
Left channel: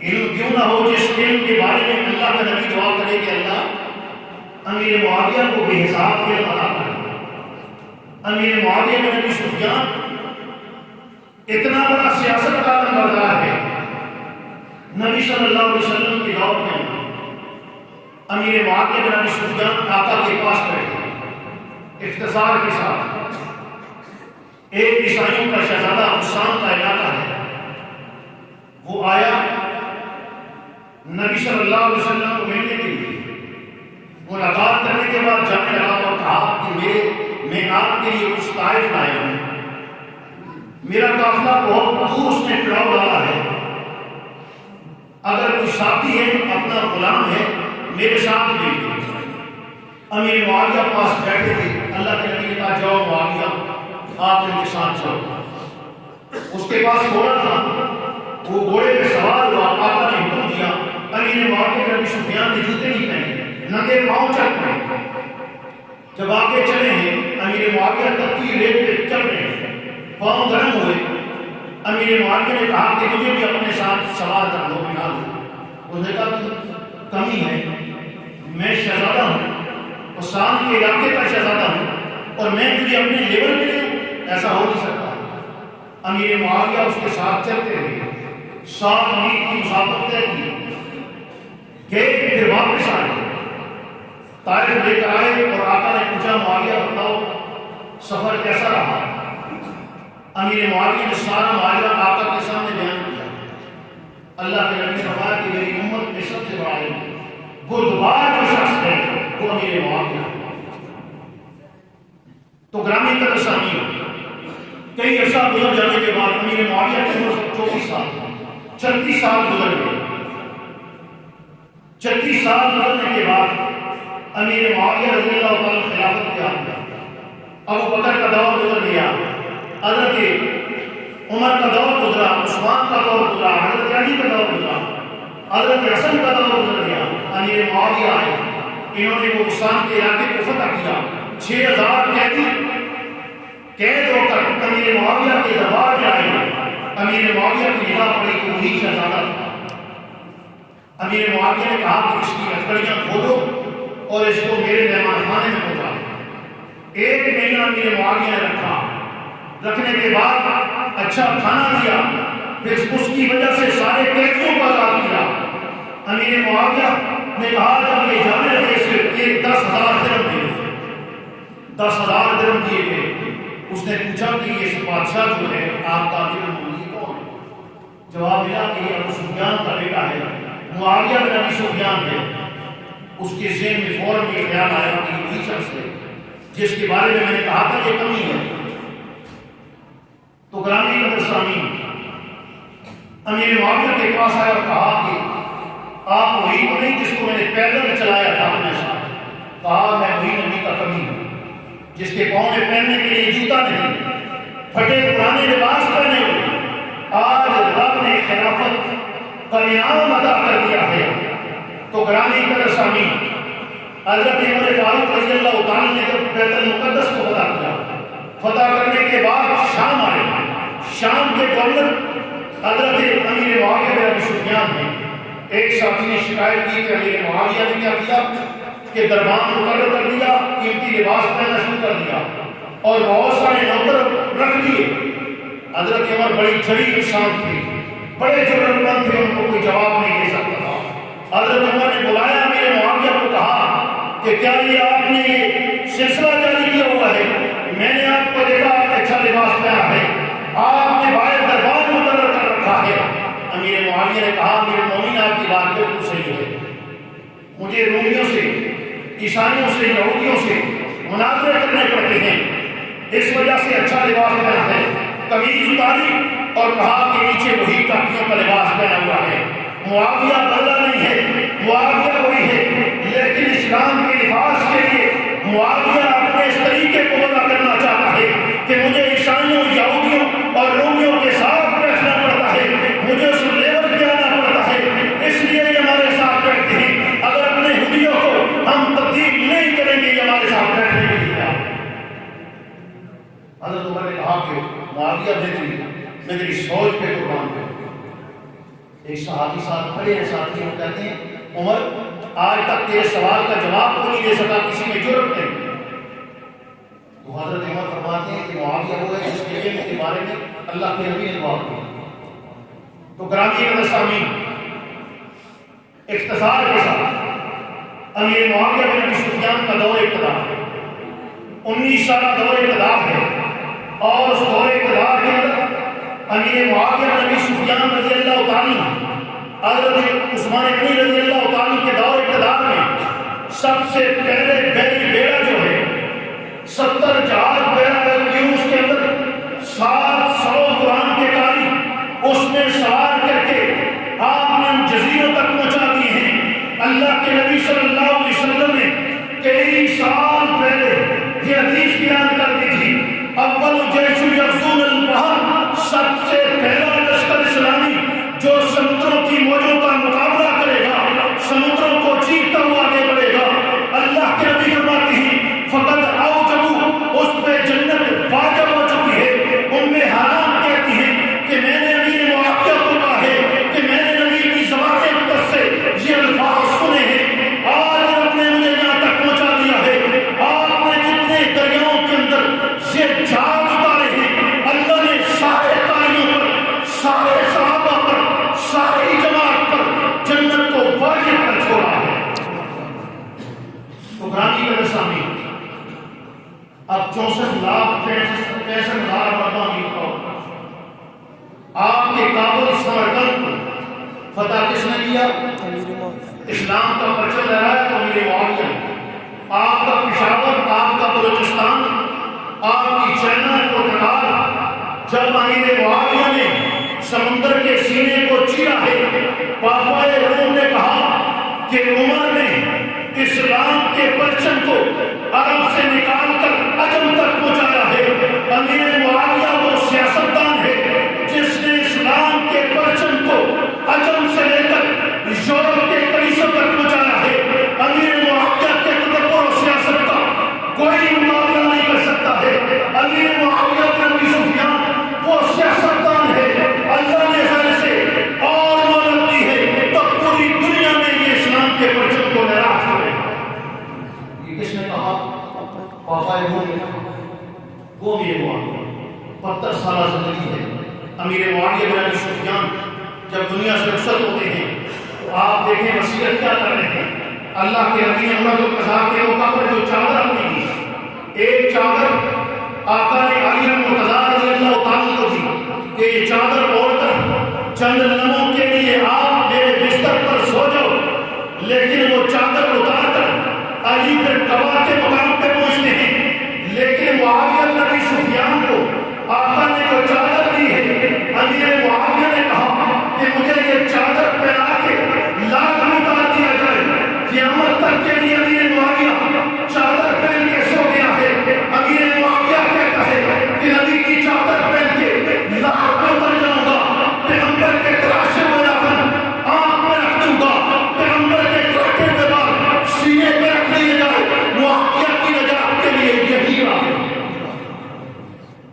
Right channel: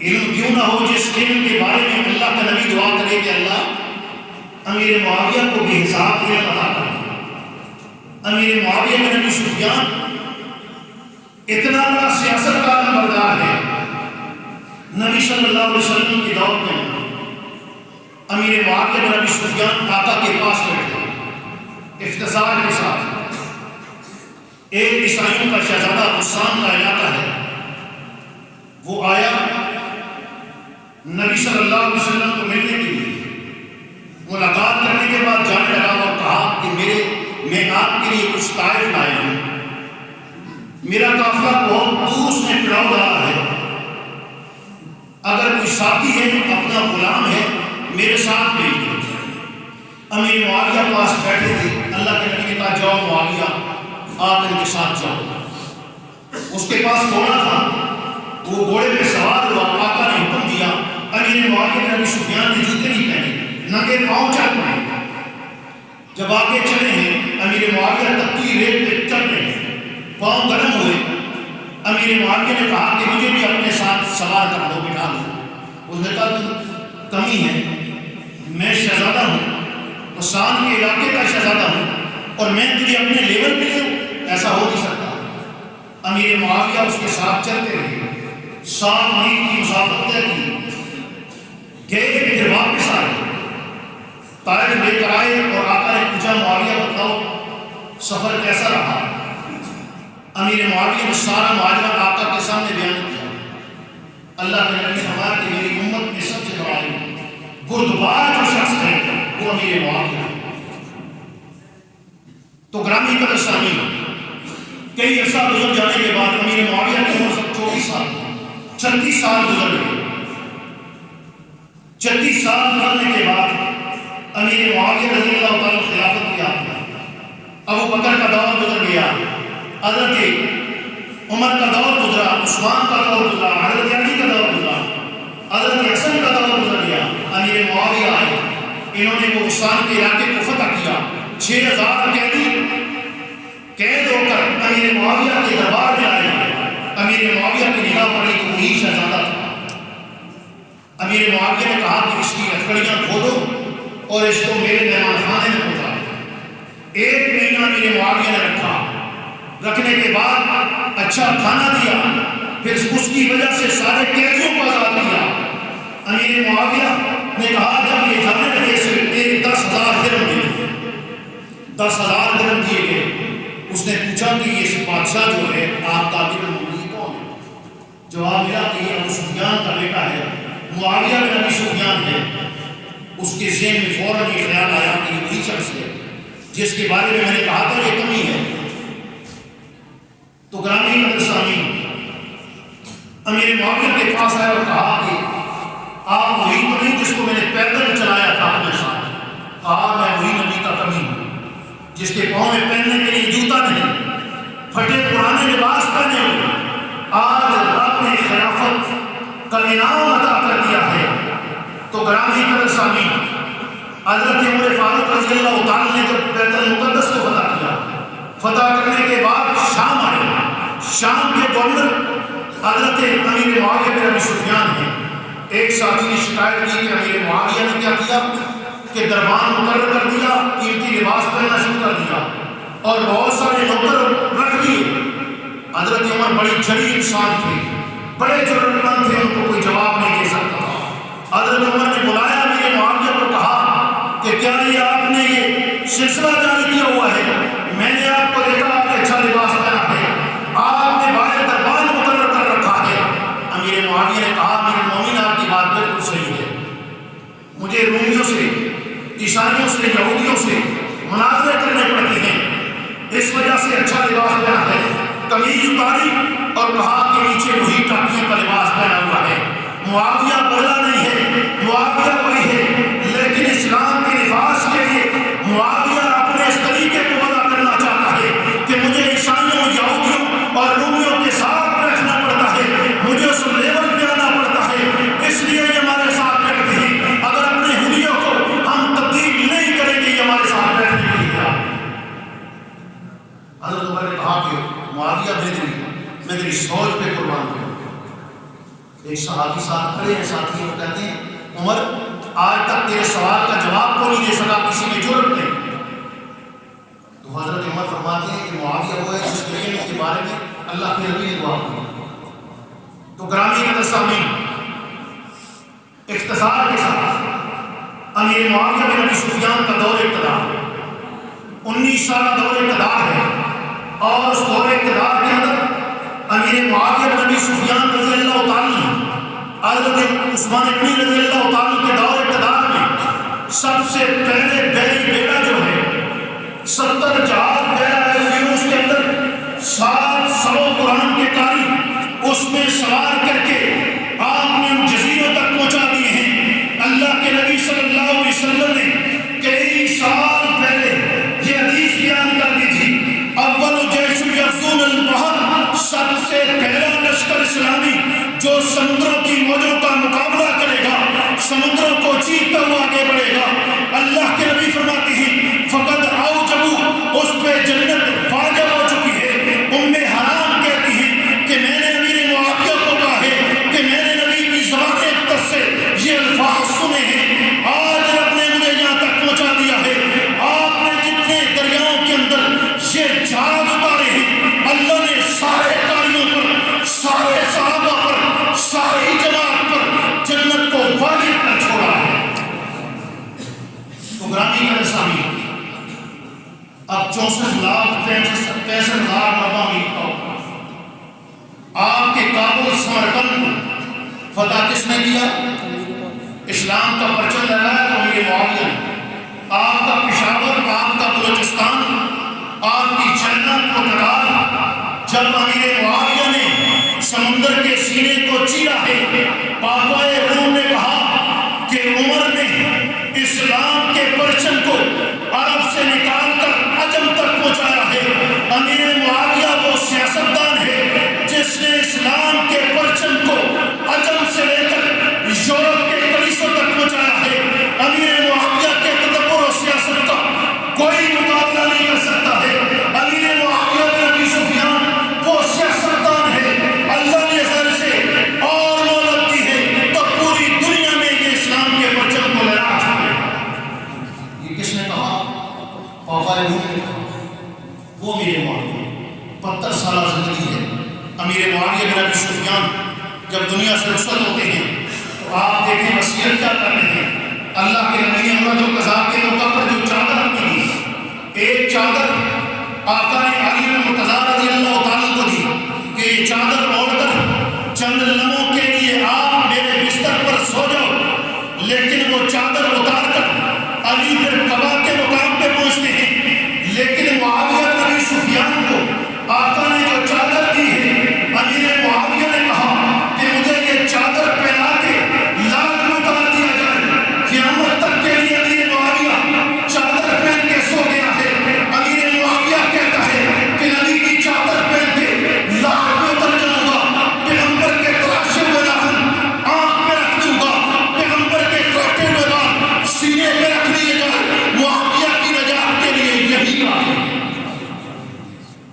علم کیوں نہ ہو جس علم کے بارے میں اللہ کا نبی دعا کرے کہ اللہ امیر معاویہ کو بے حساب علم عطا کرے۔ امیر معاویہ کے نبی سفیان اتنا بڑا سیاست کا نمبردار ہے، نبی صلی اللہ علیہ وسلم کی دور میں امیر معاویہ کے نبی سفیان آقا کے پاس بیٹھے اختصار کے ساتھ۔ ایک عیسائیوں کا شہزادہ حسان کا علاقہ ہے، وہ آیا نبی صلی اللہ علیہ وسلم کو ملنے کے لیے، ملاقات کرنے کے بعد جانے لگا اور کہا کہ میں آپ کے لیے کچھ طائف لایا ہوں، میرا قافلہ بہت دور اس نے پڑاؤ ڈالا ہے، اگر کوئی ساتھی ہے اپنا غلام ہے میرے ساتھ بھیج دیں۔ امیر معاویہ پاس بیٹھے تھے، اللہ کے نبی نے کہا جاؤ معاویہ آپ ان کے ساتھ جاؤ۔ اس کے پاس گھوڑا تھا، وہ گھوڑے پہ سوار ہوا، آقا نے حکم دیا، امیر معاویہ کے نبی سفیان نے جوتے نہیں پہنے، ننگے پاؤں چل پڑے۔ جب آگے چلے ہیں امیر معاویہ تپتی ریت پہ چل رہے ہیں، پاؤں گرم ہوئے، امیر معاویہ نے کہا کہ مجھے بھی اپنے ساتھ سوار کر دو، بٹھا دو۔ اس نے کہا کمی ہے، میں شہزادہ ہوں، حسان کے علاقے کا شہزادہ ہوں، اور میں تجھے اپنے لیول پہ دوں، ایسا ہو نہیں سکتا۔ امیر معاویہ اس کے ساتھ چلتے رہے، 7 میل کی مسافت طے کی، گئے پھر واپس آئے، طائف لے کر آئے اور آقا نے پوچھا معاویہ بتاؤ سفر کیسا رہا؟ امیر معاویہ نے سارا معاملہ آقا کے سامنے بیان کیا۔ اللہ کے نبی نے فرمایا کہ میری امت میں سب سے بڑا بردبار جو شخص ہے وہ امیر معاویہ ہے۔ تو گرامی قدر سامعین، کئی عرصہ گزر جانے کے بعد امیر معاویہ کی عمر 34 سال، 36 سال گزر گئے۔ 36 سال گزرنے کے بعد امیر معاویہ رضی اللہ تعالیٰ خلافت کیا، ابو بکر کا دور گزر گیا، حضرت عمر کا دور گزرا، عثمان کا دور گزرا، حضرت علی کا دور گزرا، حضرت حسن کا دور گزر گیا، امیر معاویہ آئے، انہوں نے وہ حسان کے علاقے کو فتح کیا، 6000 قیدی قید ہو کر امیر معاویہ کے دربار میں آئے۔ امیر معاویہ کی نگاہ پڑی تو وہی شہزادہ تھا۔ امیر معاویہ نے کہا کہ اس کی ہتھکڑیاں دھو دو اور اس کو میرے مہمان خانے میں پہنچا دو۔ 1 مہینہ امیر معاویہ نے رکھا، رکھنے کے بعد اچھا کھانا دیا، پھر اس کی وجہ سے سارے قیدیوں کو آزاد کیا۔ امیر معاویہ نے کہا جب یہ جانے لگے سے 10,000 درہم دیے، 10,000 درہم دیے گئے۔ اس نے پوچھا کہ یہ بادشاہ جو ہے آپ کا امیر المومنین کون ہے؟ جواب ملا کہ یہ ابو سفیان کا بیٹا ہے، معاویہ بن ابی سفیان ہے۔ اس کے ذہن میں فوراً یہ خیال آیا کہ یہ وہی شخص ہے جس کے بارے میں نے کہا تھا یہ کمی ہے۔ تو گرامی قدر سامعین، امیر معاویہ کے پاس آیا اور کہا کہ آپ وہی تو نہیں جس کو میں نے پیدل چلایا تھا اپنے ساتھ؟ کہا میں وہی نبی کا کمی ہوں جس کے پاؤں میں پہننے کے لیے جوتا نہیں، پھٹے پرانے لباس پہنے ہوئے۔ آج رب نے خلافت کا انعام عطا کر دیا ہے۔ تو گرامی قدر سامعین، حضرت عمر فاروق رضی اللہ تعالیٰ نے جب بیت المقدس کو فتح کیا، فتح کرنے کے بعد شام آئے، شام کے گورنر حضرت امیر معاویہ بن ابی سفیان ہیں۔ ایک ساتھی نے شکایت کی کہ امیر معاویہ نے کیا کیا کہ دربان مقرر کر دیا، قیمتی لباس پہننا شروع کر دیا اور بہت سارے نوکر رکھ دیے۔ حضرت عمر بڑی جھڑی انسان تھے، بڑے ضرورت مند تھے، ان کو کوئی جواب نہیں دے سکتا تھا۔ حضرت عمر نے بلایا امیر معاویہ کو، کہا کہ کیا یہ آپ نے یہ سلسلہ جاری کیا ہوا ہے؟ میں نے آپ کو دیکھا آپ نے اچھا لباس پہنا ہے، آپ نے باہر دربان مقرر کر رکھا ہے۔ امیر معاویہ نے کہا امیر المومنین آپ کی بات بالکل صحیح ہے، مجھے رومیوں سے عیسائیوں سے، یہودیوں سے مناظرے کرنے پڑتے ہیں، اس وجہ سے اچھا لباس پہنا ہے، قمیض اتاری اور کہا کہ نیچے وہی ٹاکیوں کا لباس پہنا ہوا ہے۔ معاویہ بدلا نہیں ہے، معاویہ وہی ہے، لیکن اسلام کے لباس کے لیے معاویہ اپنے اس طریقے کو وضع کرنا چاہتا ہے کہ مجھے عیسائیوں، یہودیوں اور رومیوں کے ساتھ بیٹھنا پڑتا ہے، مجھے اس لیول پہ آنا پڑتا ہے، اس لیے یہ ہمارے ساتھ بیٹھتے ہیں۔ اگر اپنے حلیوں کو ہم تبدیل نہیں کریں گے، یہ ہمارے ساتھ بیٹھنے کے لیے حضرت عمر نے کہا کہ معاویہ میں تیری سوچ پہ قربان کروں۔ ایک صحابی ساتھ کھڑے ہیں، ساتھی ہیں، کہتے ہیں عمر آج تک تیرے سوال کا جواب کو نہیں دے سکا، کسی میں جرأت نہیں۔ تو حضرت عمر فرماتے ہیں کہ معاویہ وہ ہے جس کے بارے میں اللہ کے نبی نے دعا کی۔ تو گرامی قدر سامعین، اختصار کے ساتھ امیر معاویہ بن ابی سفیان کا دور اقتدار 19 سالہ دور اقتدار ہے، اور اس دور اقتدار کے اندر امیر معاویہ بن ابی سفیان رضی اللہ تعالیٰ حضرت عثمان غنی رضی اللہ تعالیٰ کے دور اقتدار میں سب سے پہلے بیری بیڑا جو ہے 70 جہاز بیڑا ہے، اس کے اندر 700 قرآن کے قاری اس میں سوار کر کے آپ نے ان جزیروں تک پہنچا دیے ہیں۔ اللہ کے نبی صلی اللہ علیہ وسلم نے کئی سال پہلے یہ حدیث بیان کر دی تھی، اول جیش یغزون البحر، سب سے پہلا لشکر اسلامی جو سمندروں کی موجوں کا مقابلہ کرے گا، سمندروں کو چیرتا ہوا آگے بڑھے گا۔ اللہ کے نبی فرماتے ہیں فقد اوجبوا، اس پہ جنت واجب ہو چکی ہے۔ ام حرام کہتی ہیں کہ میں نے امیر معاویہ کو کہا ہے کہ میں نے نبی کی زبان اقدس سے یہ الفاظ سنے ہیں، آج رب نے مجھے یہاں تک پہنچا دیا ہے۔ آپ نے جتنے دریاؤں کے اندر یہ جہاز اتارے ہیں، اللہ نے سارے قاریوں پر، سارے صحابہ پر، ساری جماعت پر جنت کو واجب کر چھوڑا ہے۔ تو گرامی قدر سامعین، اب 64,65,000 مربع میل کا آپ کے کابل سمرقند کو فتح کس نے کیا؟ اسلام کا پرچم لہرایا تو امیر معاویہ نے۔ آپ کا پشاور، آپ کا بلوچستان، آپ کی چینا پرتگال، جب امیر معاویہ نے سمندر کے سینے کو چیرا ہے، پاپائے روم نے کہا کہ عمر نے اسلام کے پرچم کو عرب سے نکال کر عجم تک پہنچایا ہے۔ امیر معاویہ وہ سیاستدان ہے جس نے اسلام کے پرچم کو عجم سے لے کر یورپ کے کلیسوں تک پہنچایا ہے۔ امیر معاویہ کے تدبر و سیاست کا کوئی مقابلہ نہیں کر سکتا ہے۔ امیر معاویہ بن ابی سفیان وہ سیاستدان ہے، اللہ نے سر سے اور مدد دی ہے تو پوری دنیا میں یہ اسلام کے پرچم کو لہرا چھوڑے۔ یہ کس نے کہا؟ پاپا روم نے کہا، وہ امیر معاویہ 72 سالہ زندگی ہے۔ امیر معاویہ بن ابی سفیان جب دنیا سے رخصت ہوتے ہیں تو آپ دیکھیں وصیت کیا کر رہے ہیں۔ اللہ کے نبی نے عمر القضاء کے موقع پر جو چادر اپنی دی، ایک چادر آقا نے علی مرتضیٰ رضی اللہ تعالیٰ کو دی کہ یہ چادر اوڑھ کر چند لمحوں کے لیے آپ میرے بستر پر سو جاؤ، لیکن وہ چادر اتار کر علی پھر قبا کے مقام پہ پہنچتے ہیں۔ لیکن معاویہ بن ابی سفیان کو آقا نے جو چادر دی ہے، امیر معاویہ نے کہا کہ مجھے یہ چادر پہنا کے لاکھ میں اتار دیا جائے۔ قیامت تک کے لیے امیر معاویہ چادر پہن کے سو گیا ہے۔ امیر معاویہ کہتا ہے کہ نبی کی چادر پہن کے لاکھ میں اتر جاؤں گا، پیغمبر کے تراشے ہوئے ناخن آنکھ میں رکھ دوں گا، پیغمبر کے کاٹے ہوئے بال سینے میں رکھ دیے جائے۔ معاویہ کی نجات کے لیے یہی کافی ہے۔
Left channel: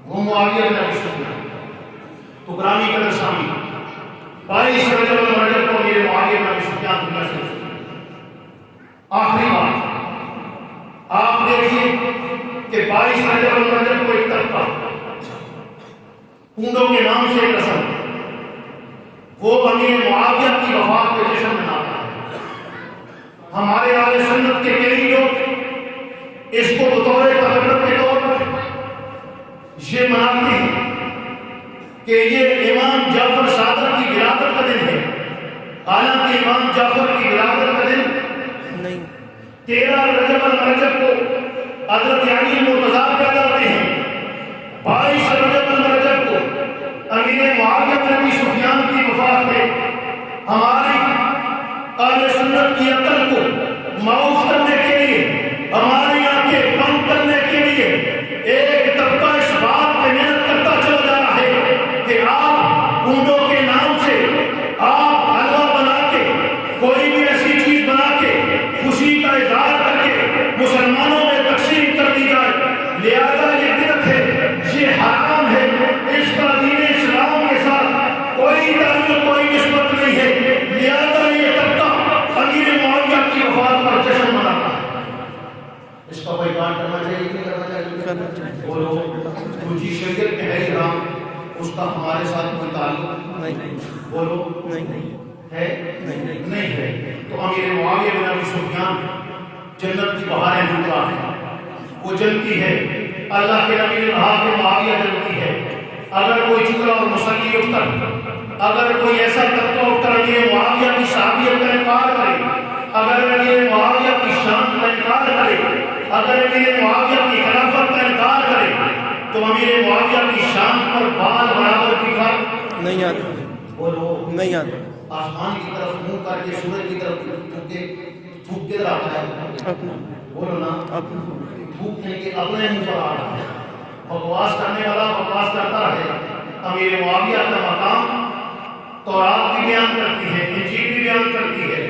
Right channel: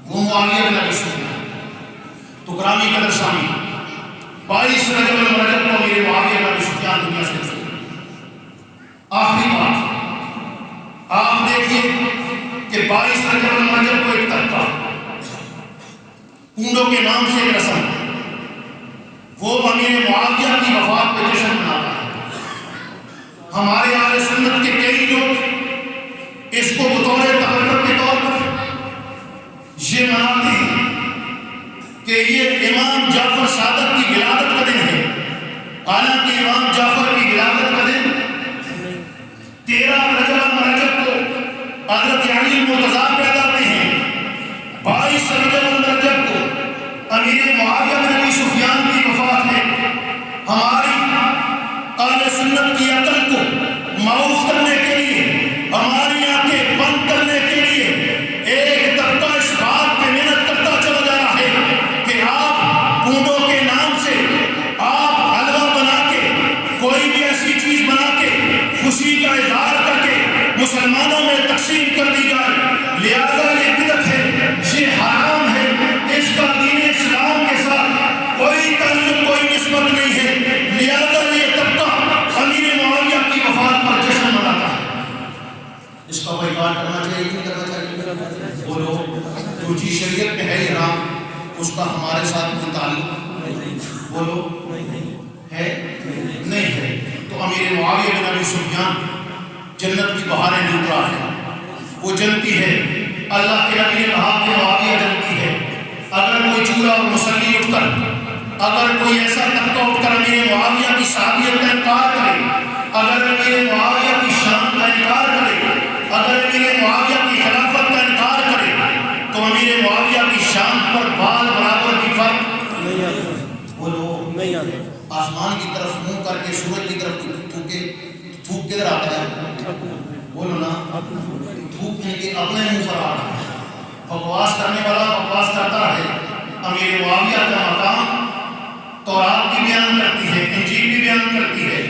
وہ معاویہ بن ابی سفیان۔ تو گرامی قدر سامعین، 22 رجب المرجب کو امیر معاویہ بن ابی سفیان دنیا سے گزرے۔ آخری بات آپ دیکھیے کہ 22 رجب المرجب کو ایک طبقہ پونڈوں کے نام سے ایک رسم، وہ امیر معاویہ کی وفات پہ جشن مناتا ہے۔ ہمارے اہل سنت کے کئی لوگ اس کو بطور تبرک کے طور پر یہ مناتے ہیں کہ یہ امام جعفر صادق کی ولادت کا دن ہے، حالانکہ امام جعفر کی ولادت کا دن 13 رجب المرجب کو حضرت علی مرتضیٰ پیدا ہوتے ہیں، 22 رجب المرجب کو امیر معاویہ بن ابی سفیان کی وفات ہے۔ ہماری اہل سنت کی عقل کو معاف کرنے کے لیے، ہماری آنکھیں بند کرنے کے لیے ایک طبقہ اس بات پہ محنت کرتا چلا جا رہا ہے کہ آپ اونٹوں کے نام سے آپ حلوہ بنا کے، کوئی بھی ایسی چیز بنا کے خوشی کا اظہار کر کے مسلمانوں میں تقسیم کر دی جائے، لہذا یہ بدعت ہے، یہ حرام ہے، اس کا دین اسلام کے ساتھ کوئی تعلق، کوئی نسبت نہیں ہے، لہذا یہ طبقہ امیر معاویہ کی وفات پر جشن مناتا ہے۔ اس کا بائیکاٹ کرنا چاہیے کہ نہیں کرنا چاہیے؟ بولو، جو چیز شریعت میں ہے حرام، اس کا ہمارے ساتھ کوئی تعلق، بولو، ہے نہیں ہے۔ تو امیر معاویہ بن ابی سفیان جنت کی بہاریں لوٹ رہا ہے، وہ جنتی ہے، اللہ کے نبی نے کہا کہ معاویہ جنتی ہے۔ اگر کوئی چولہا اور مسلی اٹھ کر، اگر کوئی ایسا طبقہ اٹھ کر امیر معاویہ کی صحابیت کا انکار کرے، اگر امیر معاویہ کی شان کا انکار کرے، اگر امیر معاویہ کی خلافت کا انکار کرے، تو امیر معاویہ کی شان پر بال برابر کی فرق نہیں آتا۔ بولو، نہیں آتا۔ آسمان کی طرف منہ کر کے سورج کی طرف تھوک کدھر آتا ہے؟ بولو نا، تھوک کے اپنے منہ پر آتا ہے۔ بکواس کرنے والا بکواس کرتا رہے۔ امیر معاویہ کا مقام تورات بھی بیان کرتی ہے، انجیل بھی بیان کرتی ہے،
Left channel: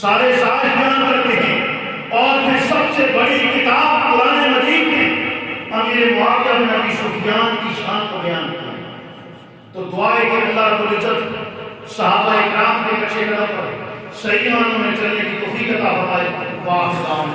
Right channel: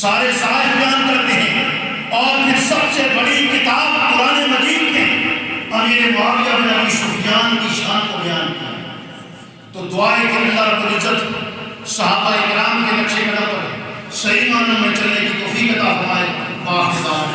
سارے صحائف بیان کرتے ہیں، اور پھر سب سے بڑی کتاب قرآن مجید میں امیر معاویہ بن ابی سفیان کی شان کو بیان کیا۔ تو دعائیں کہ اللہ رب العزت صحابہ کرام کے نقشے قدم پر صحیح معنوں میں چلنے کی توفیق عطا فرمائے۔ واہ